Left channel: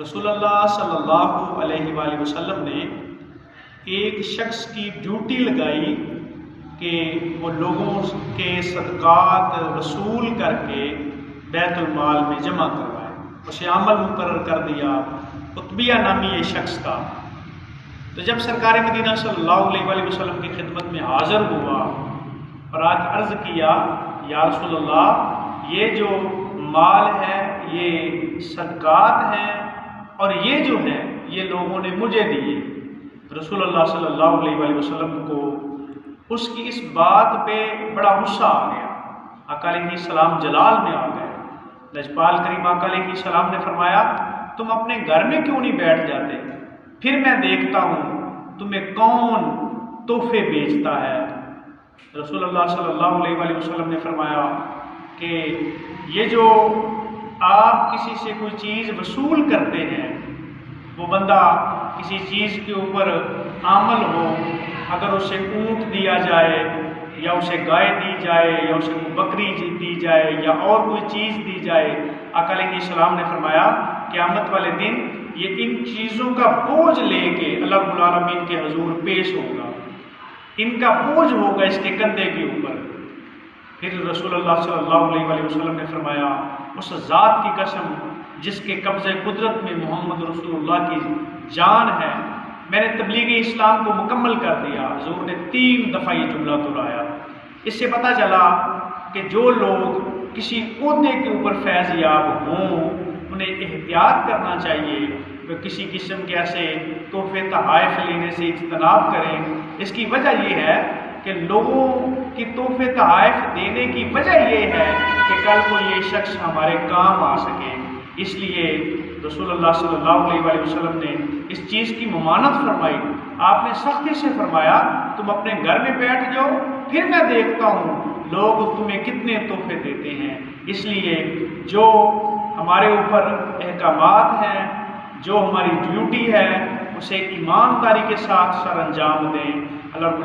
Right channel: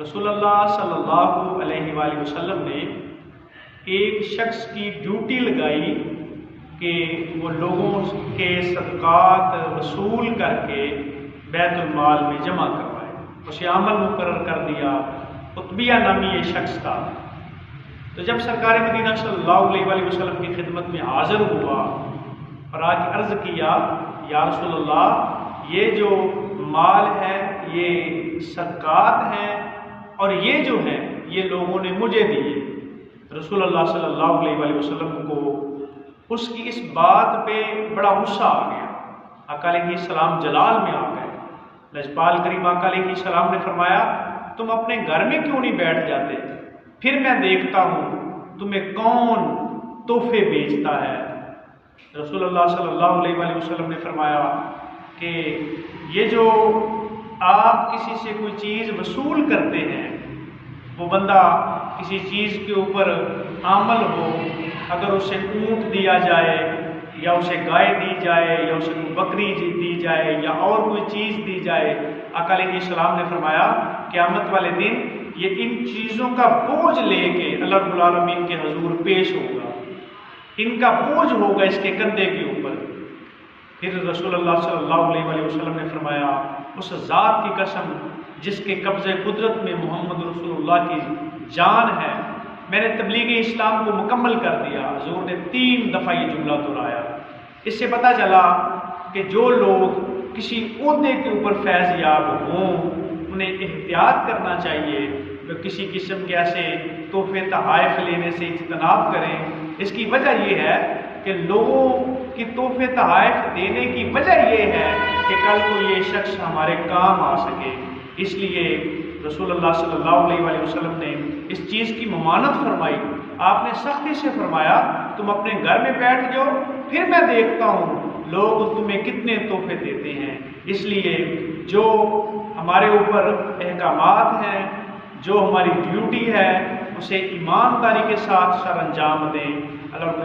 رسول اللہ صلی اللہ علیہ وآلہ وسلم نے ایک شخص کی ڈیوٹی لگائی کہ وہ لوگوں کے صدقات وصول کر کے بیت المال میں جمع کروائے. اسے عمل مقرر کر دیا. قطبیہ نامی یہ شخص تھا. تو جب سرکار مدینہ صلی اللہ علیہ وآلہ وسلم کی خدمت میں حاضر ہوا اور آج عرض کیا، یا رسول اللہ، یہ جو مال ہے یہ صدقات ہیں اور یہ جو ہے یہ لوگوں نے مجھے دیے. رسول اللہ صلی اللہ علیہ وآلہ وسلم کو اس کی اس بات پہ بڑا غصہ آ گیا. آقا علیہ السلام جلال میں آ گئے. لجپال کریم آقا علیہ السلام نے فرمایا، تم اپنے گھر میں کیوں نہیں بیٹھ جاتے؟ پھر میں دیکھتا ہوں تمہیں کون تحفے بیچتا ہے. رسول اللہ صلی اللہ علیہ وآلہ وسلم نے فرمایا کہ یہ جو آپ کسی سے کوئی چیز وصول کرتے ہیں، وہ بندہ کسی چیز کے اوپر عامل ہو، اگر اسے اونٹ دیا جائے یا اسے گائے دی جائے یا اسے بکری دی جائے یا اور کوئی چیز دی جائے، آقا علیہ السلام نے فرمایا قیامت والے دن یہ ان چیزوں کا بوجھ لے کے اللہ رب العالمین کے حضور پیش ہوگا. ان کا بوجھ ہوگا اس کے کندھے کے اوپر. پھر رسول اللہ صلی اللہ علیہ وآلہ وسلم نے فرمایا، اس ذات کی قسم جس کے قبضے قدرت میں محمد رسول اللہ کی جان ہے، میں نے تبلیغ اسلام کو مکمل کر دیا. حضور نے 3 دفعہ یہ جملہ دہرایا. اس سے پتہ چلا کہ جو لوگ کسی عہدے کے اوپر فیض یاب ہوں انہیں احتیاط کرنا چاہیے کہ کسی قسم کے ایسے تحفے تحائف لینے سے اجتناب کریں. اس کی وجہ یہ ہے کہ لوگوں کی تحفے تحائف دینے کی وجہ یہ ہے کہ کل کو یہ شخص ہمارے کام آ سکے. اس لیے رسول اللہ صلی اللہ علیہ وآلہ وسلم نے اس چیز کی ممانعت فرمائی. آپ نے سختی سے فرمایا تم اپنے گھر میں بیٹھ جاؤ، پھر میں دیکھتا ہوں لوگ تمہیں کتنے تحفے دیتے ہیں. اس لیے جو ہمارے اوپر احکامات ہیں، جو ہماری ڈیوٹی ہے، اسے ایمانداری کے ساتھ سر انجام دیں. اللہ